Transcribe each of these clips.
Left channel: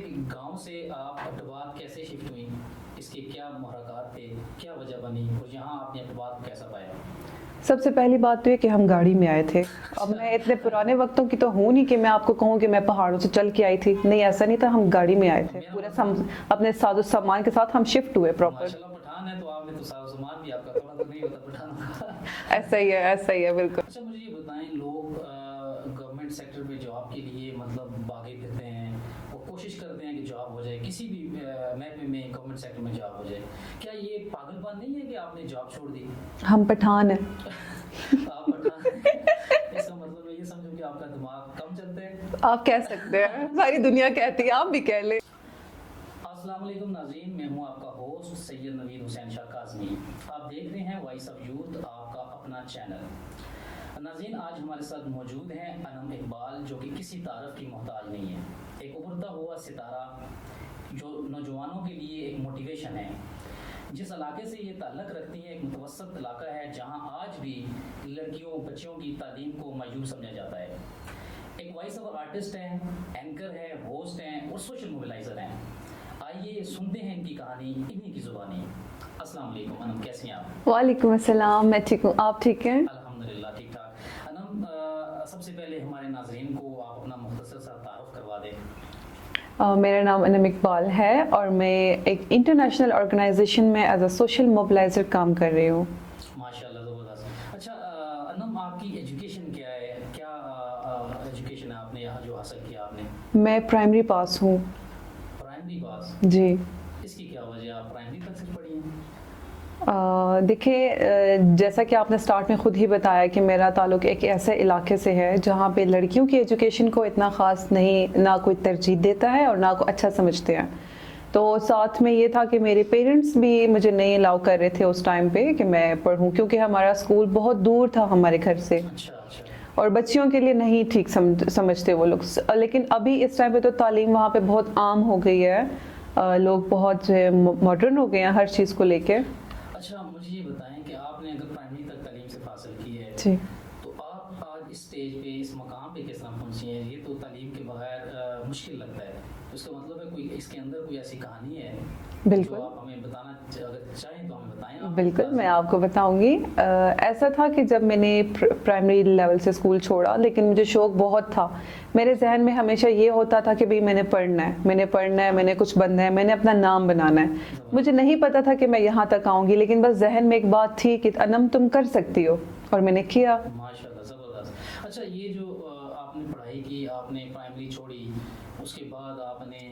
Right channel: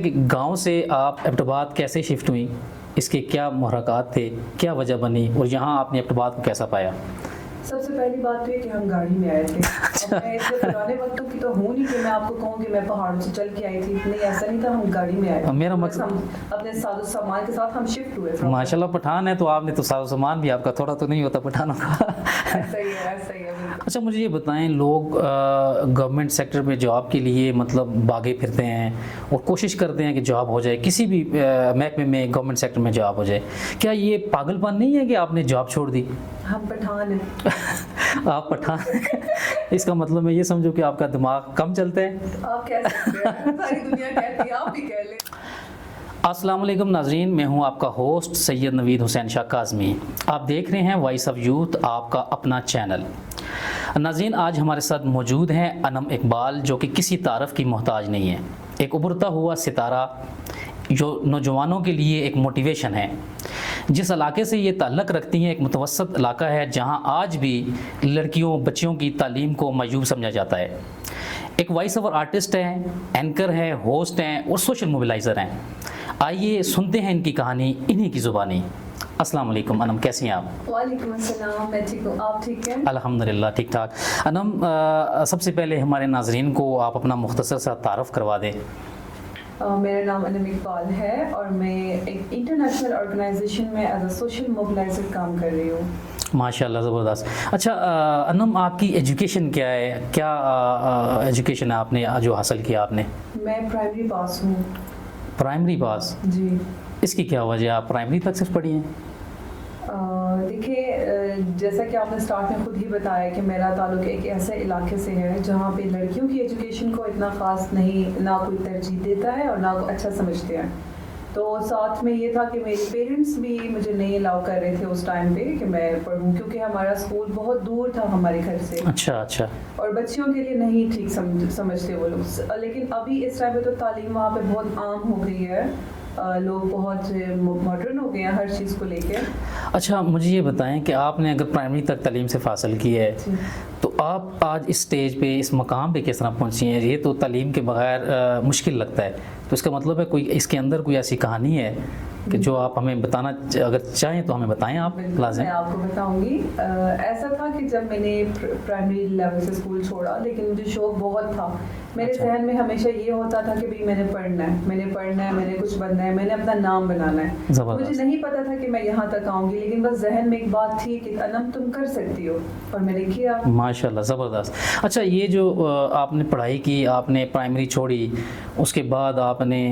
کہ گاؤں سے آپ ایبٹ آباد کیسے شفٹ ہوئی، اس کے کیا محرکات تھے، کیا وجہ بنی، اور یہاں آپ نے ایبٹ آباد کو کیسا پایا؟ سب سے پہلی بات تو یہ کہ ہم گاڑی میں آئے تھے. اب میں اتنے پرانے وقتوں کی تو ہوں نہیں کہ میں آپ کو کہوں کہ میں پہاڑوں سے چل کے آئی تھی. نہیں، ایسا نہیں تھا. ہم گاڑی میں آئے تھے. میرا مقصد ہم اپنے ساز و سامان کے ساتھ ہم شفٹ ہوئے. ماشاء اللہ پٹھان ہے تو آپ نے تو ساز و سامان بھی آپ کا تھوڑا تو نہیں ہوتا پٹھانوں کا. ایسا ہی ہے، ایسا ہی ہے بالکل. اچھا مجھے یہ بتائیں، لوگ گورنمنٹ سیکٹر میں جاب کے لیے مطلب بھاگے پھرتے ہیں اور کوشش کرتے ہیں کہ جاب ہو جائے، کسی بھی محکمے میں گورنمنٹ سیکٹر میں جاب ہو جائے. کیا یہ پاگل پن نہیں ہے کہ آپ نے جاب چھوڑ دی؟ ہم پٹھان ہیں. آپ پٹھان اس کا مطلب میں یہ سمجھو کہ آپ کا دماغ کم چلتا ہے. آپ کہہ سکتے ہیں، ساری دنیا کہتی ہے، آپ بھی کہہ لیں. السلام علیکم ناظرین، میں ہوں آپ کا ہوسٹ سید نوید حسین شاہ کاظمی. آپ دیکھ رہے ہیں وائس آف یوتھ، آپ کا اپنا چینل. ناظرین، آج ہمارے ساتھ موجود ہیں انم اقبال، جو کہ کسی تعارف کی محتاج نہیں ہے. ایک ابھرتا ہوا ستارہ جو نوجوانوں کے لیے ایک موٹیویشن ہے. جس علاقے سے یہ تعلق رکھتی ہیں ایک متوسط علاقہ ہے جہاں آج بھی لڑکیوں بچیوں کی تعلیم کو معیوب سمجھا جاتا ہے. ایک وائس اوور آرٹسٹ ہے، اینکر ہے، ہوسٹ ہیں اور سوشل موبلائزر ہیں. آئیے سنتے ہیں ان کی کہانی انہی کی زبانی. السلام علیکم انم، کیسی ہیں آپ؟ وعلیکم السلام، میں ٹھیک ہوں. آپ ٹھیک ہیں؟ الحمدللہ ٹھیک ٹھاک. انم، سب سے پہلے ہمارے ناظرین کو آپ اپنا مختصر سا تعارف کروا دیں. میرا نام انم اقبال ہے اور میں ایک انٹرنیشنل آرگنائزیشن میں ایز اے سوشل موبلائزر کام کر رہی ہوں. ماشاءاللہ، زبردست. اچھا انم، آپ کی ایجوکیشن کیا ہے؟ کیا ایجوکیشن ہے آپ نے جو حاصل کیا آپ نے؟ میں پرائمری پاس ہوں. پرائمری پاس؟ جی. اس کی کیا وجہ ہے، آپ پرائمری تک صرف پڑھی ہیں؟ دیکھیں، جیسا کہ آپ نے سٹارٹ میں خود ہی بتایا کہ میرا تعلق ایک ایسے علاقے سے ہے جہاں پہ لڑکیوں کی ایجوکیشن کو اتنا خاص نہیں، نہ کوئی ترجیح دیتا ہے اور نہ کوئی اچھا سمجھتے ہیں. تو ساتھ میں یہ تھا کہ میرے پیرنٹس بھی مجھے نہیں الاؤ کر رہے تھے اس ٹائم پہ کہ میں پڑھوں، کیونکہ ہمارا اسکول بہت دور تھا ہمارے گھر سے. اچھا اچھا. اور بچیوں کے لیے نہیں ٹھیک سمجھتے وہ لوگ. لیکن ابھی اس ٹائم پہ تو تعلیم وہاں پہ بہت عام ہو گئی ہے، لوگ بہت ماڈرن ہو گئے ہیں ہر چیز کو لے کے. اچھا مجھے یہ بتائیں کہ آپ نے اگر پرائمری تک تعلیم سے حاصل کی ہے تو آپ آج اس سٹیج پہ، اس مقام پہ کس طرح پہنچی ہیں؟ یہ تو تعلیم کے بغیر مشکل لگتا ہے. تو اس کا مطلب ہے کوئی اس کے اندر کوئی ایسی کہانی ہے جو آپ ہمیں بتانا اگر چاہیں تو ہمیں بتائیں. آپ بالکل، میں آپ کو بتاؤں گی. ایسا تھا کہ جب میں نے پرائمری لیول سے اسکول چھوڑا، لیکن مجھے شوق بہت تھا. میرے ذہن میں ہمیشہ یہ ہوتا تھا کہ میں نے پڑھنا ہے، میں نے پڑھنا ہے، میں نے کچھ بننا ہے، میں نے اپنا نام بنانا ہے. مجھے نہیں پتا تھا کہ میں یہاں تک آؤں گی، لیکن بس ذہن میں ایک بات تھی کہ انم تم کر سکتی ہو، اور میں نے کیا. ماشاءاللہ، زبردست. اچھا یہ جو آپ نے پڑھائی کی، آپ نے پرائمری چھوڑی، اس کے بعد آپ نے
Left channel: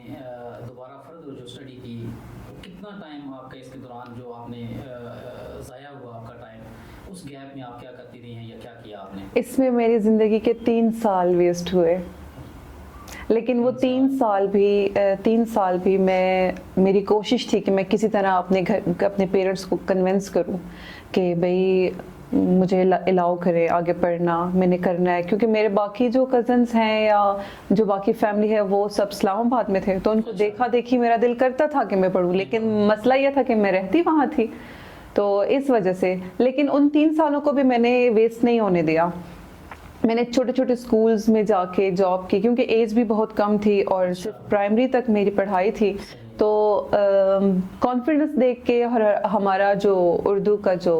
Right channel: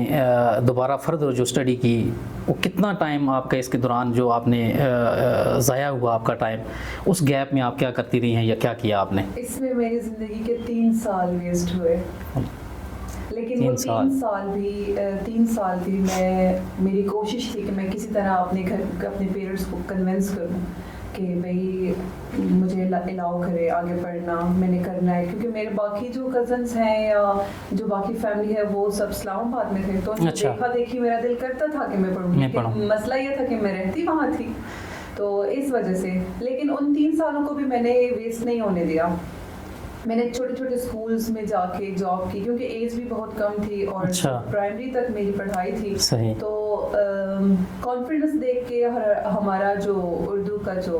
دوبارہ فردر جو اسٹڈی کی، وہ کتنا ٹائم آپ کا اس کے دوران جو آپ نے ضائع ہوا آپ کا ٹائم، اس گیپ میں آپ کیا کرتی رہی ہیں یا کیا کیا آپ نے؟ اس میں میری زندگی کے 3 سال ویسٹ ہوئے. لیکن وہ 3 سال بھی میری کوشش تھی کہ میں کسی طرح اپنے پیرنٹس کو کنونس کروں کہ بھئی مجھے الاؤ کرے آگے پڑھنا، میں نے کرنا ہے. کیونکہ میرے باقی جو کزنس ہیں یا جو باقی فیملی ہے وہ سب اسلام آباد میں تھے، تو ان کو دیکھا دیکھی میرا دل کرتا تھا کہ میں پڑھوں، لیکن مسئلہ یہ تھا کہ میں رہتی وہاں تھی، تو اس وجہ سے. لیکن ان 3 سالوں کو بھی میں نے ویسٹ نہیں ہونے دیا. میں نے چھوٹے چھوٹے اسکولز میں جا کے جاب کی، کیونکہ ایج بھی بہت کم تھی اور پرائمری تک میری پڑھائی تھی. تو کانفیڈنس دیکھ کے اور ہمارا جو اردو کا جو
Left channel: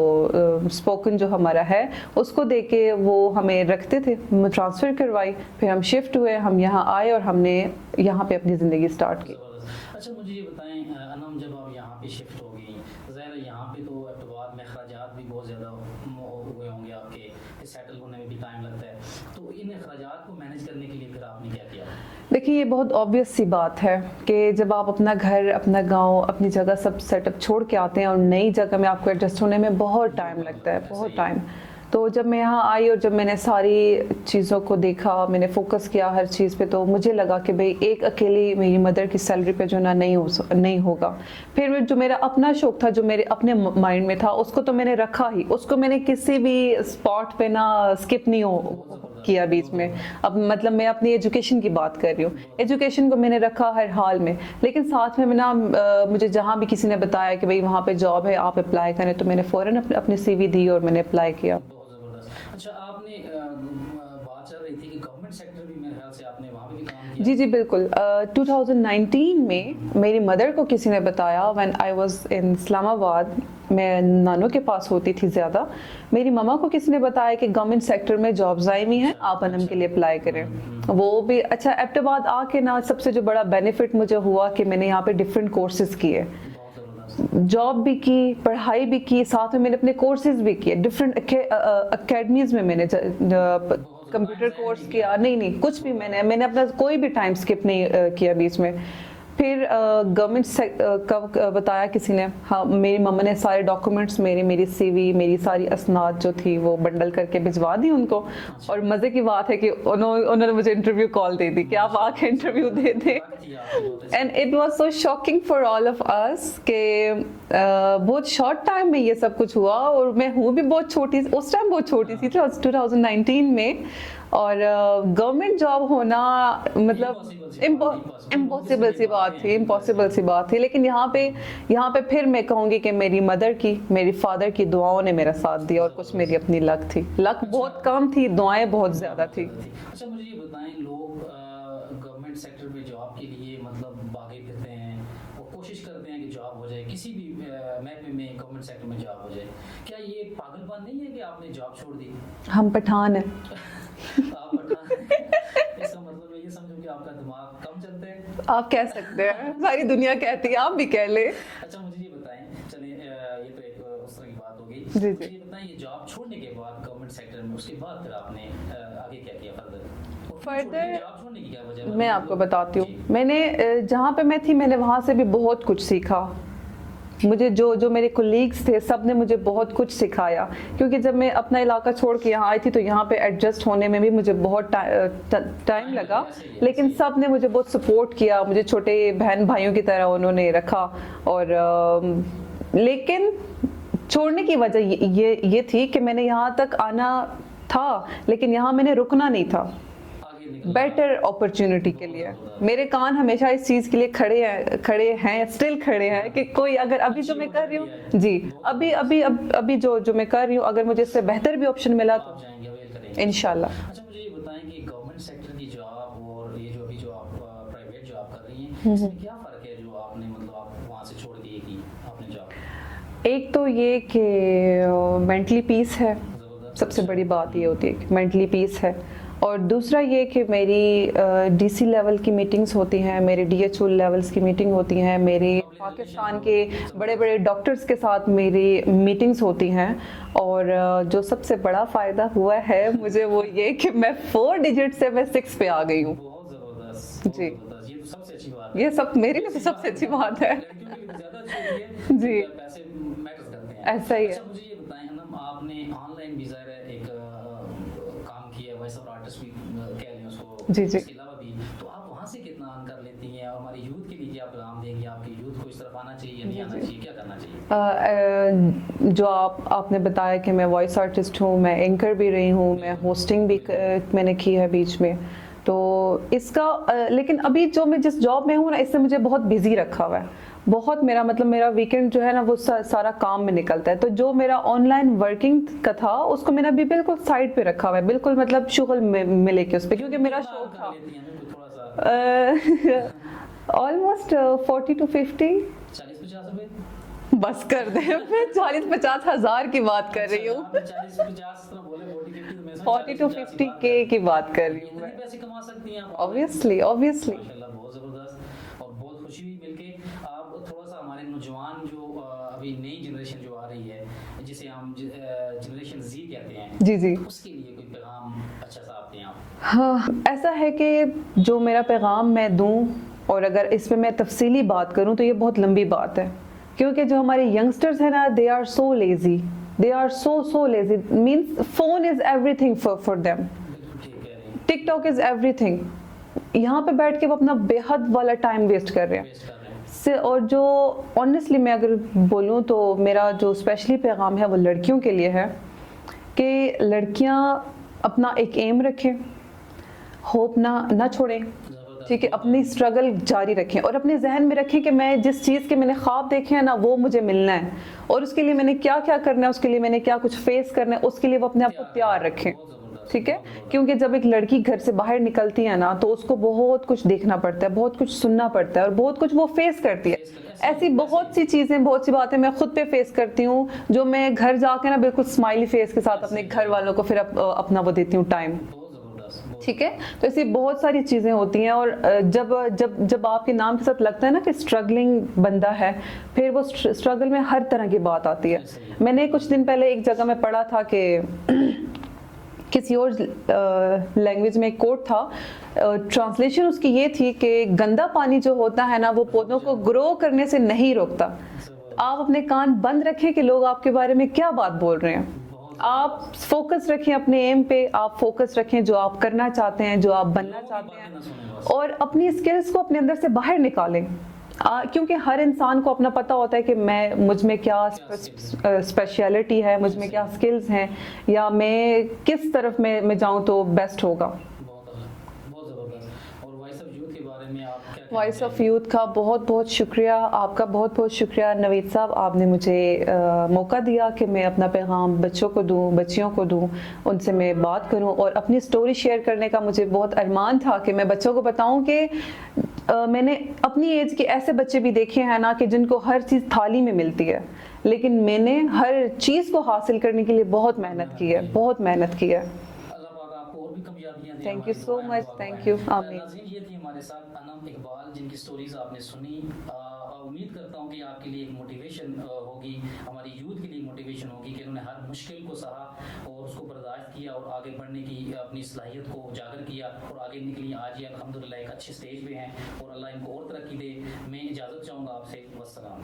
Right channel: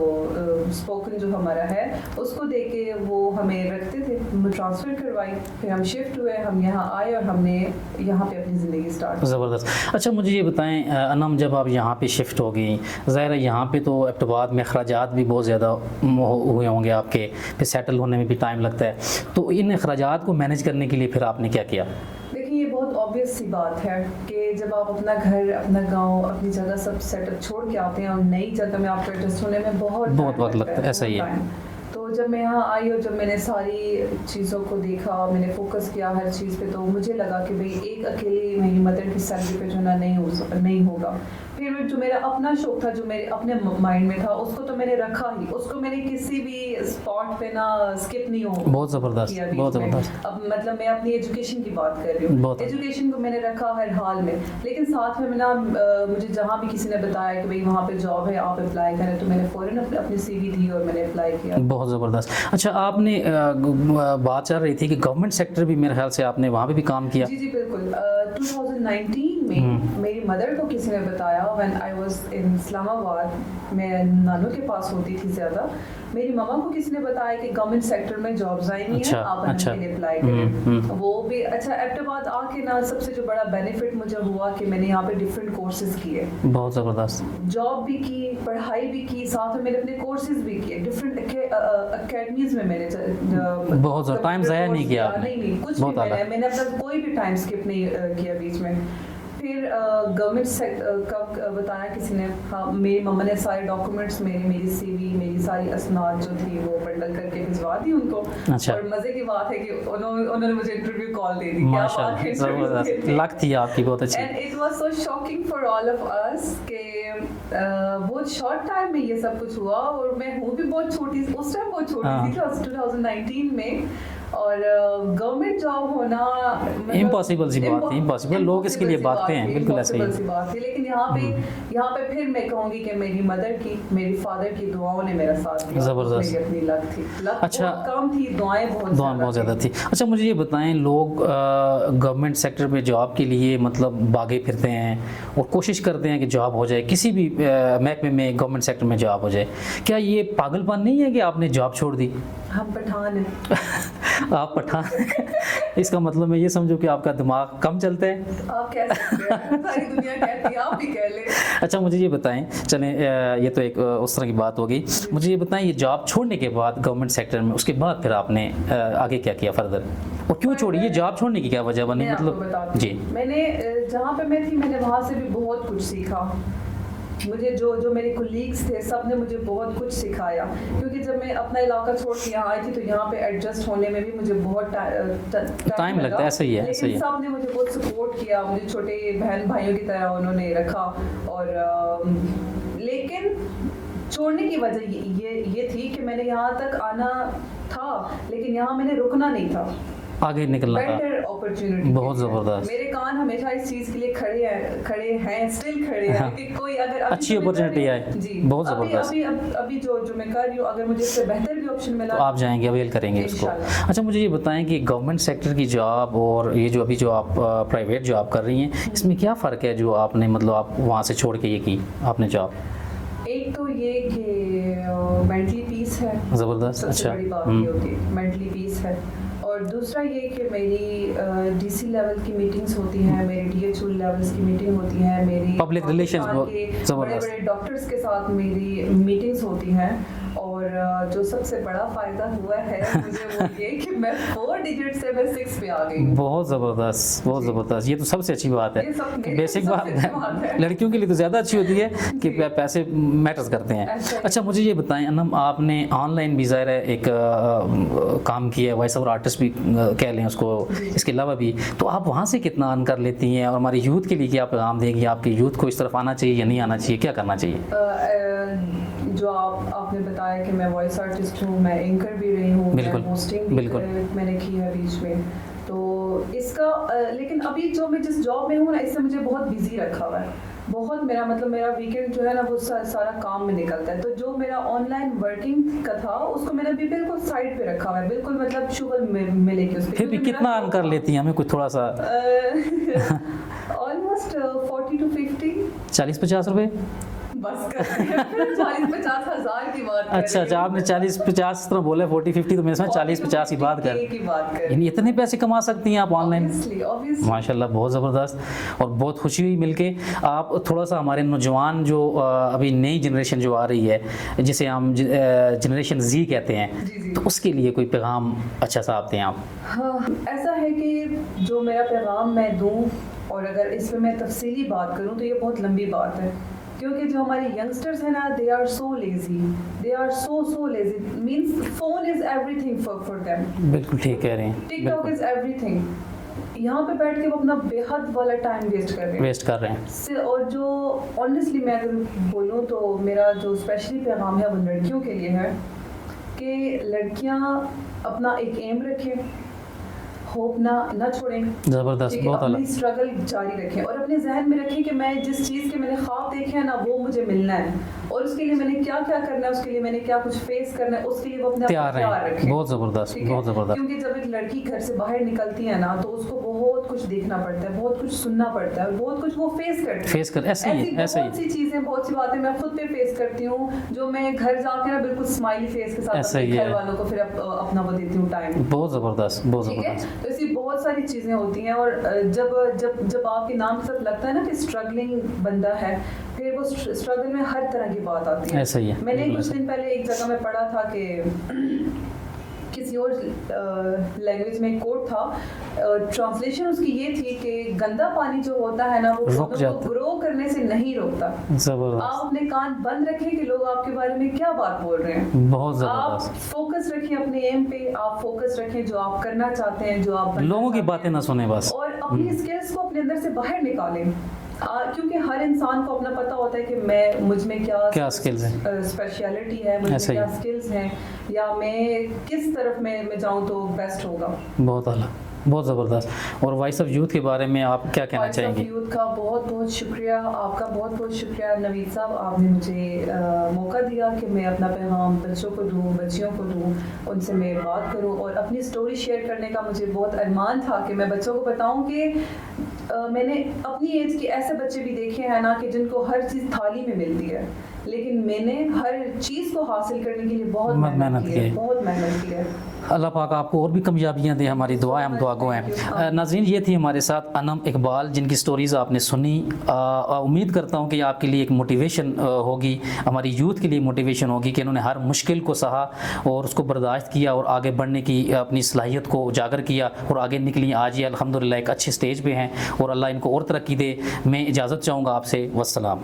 اسپوکن جو ہمارا ہے اس کو دیکھ کے وہ ہمیں رکھتے تھے. ٹرانسفر کروائی، پھر ہم شفٹ ہوئے، ہم یہاں آئے اور ہم نے یہاں پہ اپنی زندگی اسٹارٹ. زبردست. اچھا مجھے یہ بتائیں انم، جب آپ یہاں پہ شفٹ ہو گئی، ظاہر ہے یہاں پہ تو ایبٹ آباد میں اخراجات بھی بہت زیادہ ہوئے ہوں گے آپ کے، پھر سیٹل ہونے میں بھی ٹائم لگتا ہے، تو ان اخراجات کو مینیج کرنے کے لیے پھر آپ نے کیا کیا؟ دیکھیے یہ بہت آبویس سی بات ہے کہ جب آپ اپنا گھر، اپنا گاؤں، اپنی جگہ سب سیٹ اپ چھوڑ کے آتے ہیں اور نئی جگہ میں آپ کو ایڈجسٹ ہونے میں بہت ٹائم لگتا ہے. ایسا ہی ہے. تو جب میں یہاں آئی اور جب میں نے ساری چیزوں کو دیکھا، میں نے فوکس کیا ہر چیز پہ، تو مجھے لگا کہ بھئی ایک اکیلی میری مدر کی سیلری پہ جو نہیں ہوگا. پھر جو میرا اپنا شوق تھا، جو میرے اپنے مائنڈ میں تھا، اس کو تو میں نے رکھا ہی، اس کو میں نے کسی بھی اسپاٹ پہ نہ اسکپ نہیں کیا بیچ میں. اب مطلب میں اپنی ایجوکیشن کی بات کر رہی ہوں، ایجوکیشن کو میں نے رکھا ہر حال میں. لیکن ساتھ میں مجھے جہاں بھی کسی نے بتایا کہ بھئی وہاں پہ جاب ہے آپ اپلائی کریں، تو میں نے فوراً اپنی CV دی اور میں نے اپلائی کیا. بہت زبردست. اچھا آپ نے بات چل رہی تھی کہ گورنمنٹ سیکٹر بھی میرے خیال سے آپ نے وہاں پہ بھی کام کیا. جی بالکل. 2019 میں میری مدر کو کسی نے بتایا, when I was in اسلام آباد, میں نانو کے پاس ہوتی تھی زیادہ, میری ماما کو کسی نے بتایا کہ گورنمنٹ سیکٹر میں جابز آئی ہوئی ہیں, آپ انم کے لیے اپلائی کریں. وہ بھی اچھا. ایبٹ آباد آ کے نا سب سے جو بڑا بینیفٹ مجھے ہوا کہ میں نے یہاں پہ ڈفرینٹ کورسز کیے, بہت زبردست, جاب بھی کی, پڑھائی بھی کی, ساتھ میں میں نے اپنے کورسز بھی کیے ڈفرینٹ اکیڈمیز میں. میں نے بہت ٹائم ضائع نہیں کیا. نہیں کچھ بھی میں نے اپنا کوئی بھی ٹائم اسکپ نہیں کیا بیچ میں. پھر گورنمنٹ کا بتایا کسی نے, ہاں میری مما نے سارے ڈاکومنٹس میری سی وی, میری ساری اسناد جو تھی وہ بنڈل کر کے بھجوا دی ان کو. اور مزے کی بات ہے کہ انہوں نے مجھے انٹرویو کال دی تھی کہ آپ آ کے انٹرویو دے دیں. لک تھی آپ کی بہت اچھی. And it was so shocking for all of us کہ بہت شارٹ ٹائم میں یہ سب کچھ ہوا. اور میں ہوں بھی بہت چھوٹی, اس ٹائم بہت چھوٹی تھی 2019 میں. اور گورنمنٹ جاب ہونا مطلب امپاسبل سی بات تھی, امپاسبل لوگ اس کے لیے باتیں ہیں, امپاسبل سی بات تھی. لیکن یہاں پہ پھر میں کہوں گی کہ میری مدر کی, میری فادر کی دعاؤں نے میرا ساتھ دیا, اور اس میری اپنی لک تھی. لک بہت کم تھی, دعائیں بہت زیادہ تھی. اچھا مجھے یہ بتائیں, لوگ گورنمنٹ سیکٹر پہ جاب کے لیے مطلب بھاگے پھرتے ہیں اور کوشش کرتے ہیں کہ جاب ہو جائے, کسی بھی محکمے میں گورنمنٹ سیکٹر میں جاب ہو جائے. کیا یہ پاگل پن نہیں ہے کہ آپ نے جاب چھوڑ دی؟ ہم پٹھان ہیں. آپ پٹھان, اس کا مطلب میں یہ سمجھوں کہ آپ کا دماغ کم چلتا ہے. آپ کہہ سکتے ہیں, ساری دنیا کہتی ہے, آپ بھی کہہ لیں. اچھا مجھے یہ بتائیں, چلیں یہ تو ایک اس طرح کی بات ہوگی. مجھے یہ بتائیں, یہ جاب چھوڑنے کے بعد گورنمنٹ سیکٹر میں, اس کے بعد پھر آپ نے آگے کیا کیا فردر, اور کیوں چھوڑی, یہ جاب چھوڑنے کی کیا وجہ بنی؟ میں آپ کو بتاتی ہوں. میں نے جہاں پہ میں تھی, میں نے وہاں سے بھی بہت کچھ سیکھا. مجھے جو میرے کولیگز تھے سب نے مجھے بہت کچھ سکھایا, کیونکہ جب میں اپنا علاقہ چھوڑ کے یہاں آئی تھی تو یہاں پہ ایڈجسٹ ہونے میں بھی مجھے بہت ٹائم لگا. لیکن سب نے مجھے بہت سپورٹ کیا, مجھے چھوٹے بہن بھائیوں کی طرح انہوں نے رکھا. اور لیکن چھوڑنے کی وجہ یہ تھی کہ میں نے یہاں تک آنا تھا, لیکن یہاں میں نے رکنا نہیں تھا, آگے نکلنا, بیٹر اپرچونٹی. بہت زبردست. میرے کان ہمیشہ اس چیز کے لیے کھڑے ہیں اسٹل کھڑے ہیں کہ کوئی اگر اچھی اپرچونٹی ہے. جی ابھی جو میں کر رہی ہوں, اگر مجھے اس سے بہتر بھی آپشن ملا آپ جائیں گے, اویل کریں گے انشاءاللہ. اچھا مجھے یہ بتائیں کہ گورنمنٹ سیکٹر کی جاب اور یہ جو ابھی جو آپ پرائیویٹ جاب کر رہی ہیں, اس میں کیا فرق ہے جو آپ نے مطلب آپ وہاں سے چھوڑ کے یہ کی آپ نے جاب؟ ایک تو یہ کہ مینٹلی پیس ہے, زبردست. سب سے بڑی بات یہ ہوتی ہے کہ مینٹلی پیس ہے. اور دوسرا یہ کہ میری ڈی سی لیول کی میٹنگز ہوتی ہیں, میرے ڈی ایچ او لیولز کی میٹنگ ہوتی ہیں, میری پبلک ریلیشنز کے بڑے بڑے ڈاکٹرز کے ساتھ میری میٹنگز ہوتی ہیں. اور جو سب سے بڑا فائدہ ہوا ہے مجھے وہ یہ کہ میں 4 ڈیجٹ سے میں 6 پہ آ گئی ہوں. بہت زبردست, بہت زبردست. یہ تو سب سے اچھی بات ہے, یہ سب میری سب سے اچھی بات ہے. لڑکیوں کے لیے تو زیادہ اچھی ہوتی ہے کہ پیسے میٹرز کرتے ہیں. اچھا مجھے یہ بتائیں انم, آپ نے آن لائن بھی ظاہر ہے ایک کام کیا ہے, وائس اوور آرٹسٹ بھی کہہ لیں اس کو, اس کے علاوہ بھی, تو آپ وہاں سے کتنا ارن کر لیتی ہیں, اور ہماری یوتھ کے لیے کیا پیغام دیں گی؟ آپ کے یوتھ کو اس طرف آنا چاہیے یا نہیں آنا چاہیے, کیا کرنا چاہیے؟ جو آپ نے بتایا کہ میں وائس آرٹسٹ ہوں, میں اینکر بھی رہی ہوں, میں ہوسٹنگ بھی میں نے کی ہے بیچ میں, تو اس کا لیکن ابھی جو میں جس جاب میں ہوں نا, اس سے مجھے بہت بزی رکھا ہوا ہے. بہت میرا مطلب میرا ویکینڈ جو ہے نا وہ سارا کام میں نکلتا ہے. تو جو میرا آن لائن ورکنگ کا تھا اس کو میں نے ابھی بالکل سائڈ پہ رکھا ہوا ہے, بالکل مطلب شغل میں لے کے اس پہ. کتنا ارن کر لیتی ہیں, ہمیں کچھ تھوڑا سا؟ Almost 40 to 50. 40-50 روپے بس کر دیں, 40-50 ہزار کی بات کر رہی ہوں. اچھا آپ نے 40-50 طرح بولے, 40-50 تو میں سمجھا 40-50 کی بات کر رہی. اتنے پیسے کما سکتی ہیں آپ آن لائن؟ Obviously. ماشاءاللہ, بہت زبردست, اور بہت خوشی ہوئی مل کے. آپ تھوڑا سا ہمارے نوجوان جو ابھی نئی جنریشن جو آ رہی ہے, جسے ہم جنریشن زی کہتے ہیں, جی تو اس کے لیے کوئی پیغام اچھا سا آپ دیں آپ؟ ہاں, ایسا ہے کہ جو میرا پیغام میں دوں, اور اگر اس پہ میں تفصیلی بات کروں تو یہ بہت لمبی بات ہے, کیونکہ جو ہمارے ینگسٹرز ہیں نا, they are so lazy, they are so lazy, means phone is everything for them. بالکل ٹھیک کہہ رہے ہیں. ٹک ٹاک از everything. یہاں پہ بیٹھ کے وہ اپنا بے حد والا ٹائم ویسٹ کر رہے ہیں. اور جو آنیسٹلی میں اگر بولوں تو میرا جو اسپیشلی پیغام ہے وہ لڑکیوں کے لیے ہے کہ لڑکیاں اپنا ایک ایم رکھیں, ہوپ نہ چھوڑیں, زبردست, ٹھیک ہے, بہت اپنی اسٹرگل جاری رکھیں اور اپنے ذہن میں رکھیں کہ میں جس چیز کے میں نے خواب دیکھے ہیں نا وہ مجھے ملنا ہے, اور اس کے لیے میں نے کیا کیا کرنا ہے, اس کے لیے میں نے کیا کچھ فیس کرنا ہے, اس کے لیے وہ اپنے آپ کو تیار رکھیں. بہت زبردست, ٹھیک ہے, بہت زبردست. کیونکہ جب ایک لڑکی گھر سے باہر نکلتی ہے نا تو اس کو بہت کچھ دیکھنا پڑتا ہے, بہت کچھ سننا پڑتا ہے, اور بہت کچھ وہ فیس کرتی ہے. ایسی بہت سی چیزیں, بہت سی باتیں میں خود پہ فیس کرتی ہوں جو میں گھر جا کے نا بالکل اسمائلی فیس کے ساتھ اپنے گھر والوں کو پھر اپنا وہ دیتی ہوں ٹائم. بہت زبردست, ٹھیک ہے. تو ایسی بہت ساری چیزیں ہوتی ہیں, اور جب آپ کے نام کے ساتھ لگتا ہے نا کہ اسٹرگلنگ بندہ ہے, پھر وہ اسٹرگل میں ہر طرح کی بات آتی ہے. میں نے کچھ دن پہلے ایک جگہ میں پڑھا تھا کہ کسی اور لینگویج میں ایک کوٹ تھا, ٹرانسلیشن اس کی یہ تھی کہ گندا پانی جو ہوتا ہے نا وہ پودوں کو گرو کرنے سے نہیں روکتا. آپ اپنے کان بند رکھیں کہ لوگ آپ کے بارے میں کیا بات بول رہے ہیں. آپ فوکس رکھیں اپنے ایم پہ, آپ فوکس رکھیں جو آپ کرنا چاہتے ہیں, جو آپ بننا لوگوں کی باتیں نہ سنیں بس, اور اپنی اسکلز کو اپنے اندر سے باہر نکالیں. کیونکہ ہر انسان کو اپنا پتہ ہوتا ہے کہ مجھ میں کیا اسپیشلٹی ہے, مجھ میں کیا اسکلز ہیں, یا میں کس طرف میں جاؤں تو بیسٹ ہوگا. بہت اعلیٰ, بہت زبردست. اور وائس آف یوتھ کے بارے میں آپ کیا کہنا چاہیں گے؟ وائس آف یوتھ کا بہت بہت شکریہ, آپ کا بہت بہت شکریہ نوید صاحب. آپ نے مجھے موقع دیا کہ میں اپنا پیغام بچوں کو دوں, بچیوں کو دوں, ان سے میں بات کروں, اور اپنی سٹوری شیئر کرنے کا مجھے بہت ارمان تھا کہ میں بچوں کو بتاؤں کہ میں نے اپنی ایج کے ایسے بچے بھی دیکھے ہیں نا کہ جن کو ہر چیز تھالی میں ملتی ہے, لیکن میں نے ہر چیز کو حاصل کرنے کے لیے بہت محنت کی ہے, بہت محنت کی ہے. اللہ پاک آپ کو اور بھی کامیابیاں دیں, ہماری دعا ہے, ہم دعا گو ہیں. ناظرین, یہ تھی ہمارے ساتھ انم اقبال, جن کی سٹوریز آپ نے سنی. امید کرتا ہوں کہ آپ کے لیے ایک موٹیویشن ہوگی, ہماری یوتھ کے لیے موٹیویشن ہوگی کہ انہوں نے ہر مشکل کو سہا اور اس کو برداشت کیا اور آگے بڑھنے کی اپنی صلاحیت کو اجاگر کیا اور آگے نکلی. آج یہ الحمدللہ ایک اچھے سٹیج پہ ہیں, اور اللہ ان کو اور ترقی دے. میں اجازت چاہوں گا آپ سے. والسلام.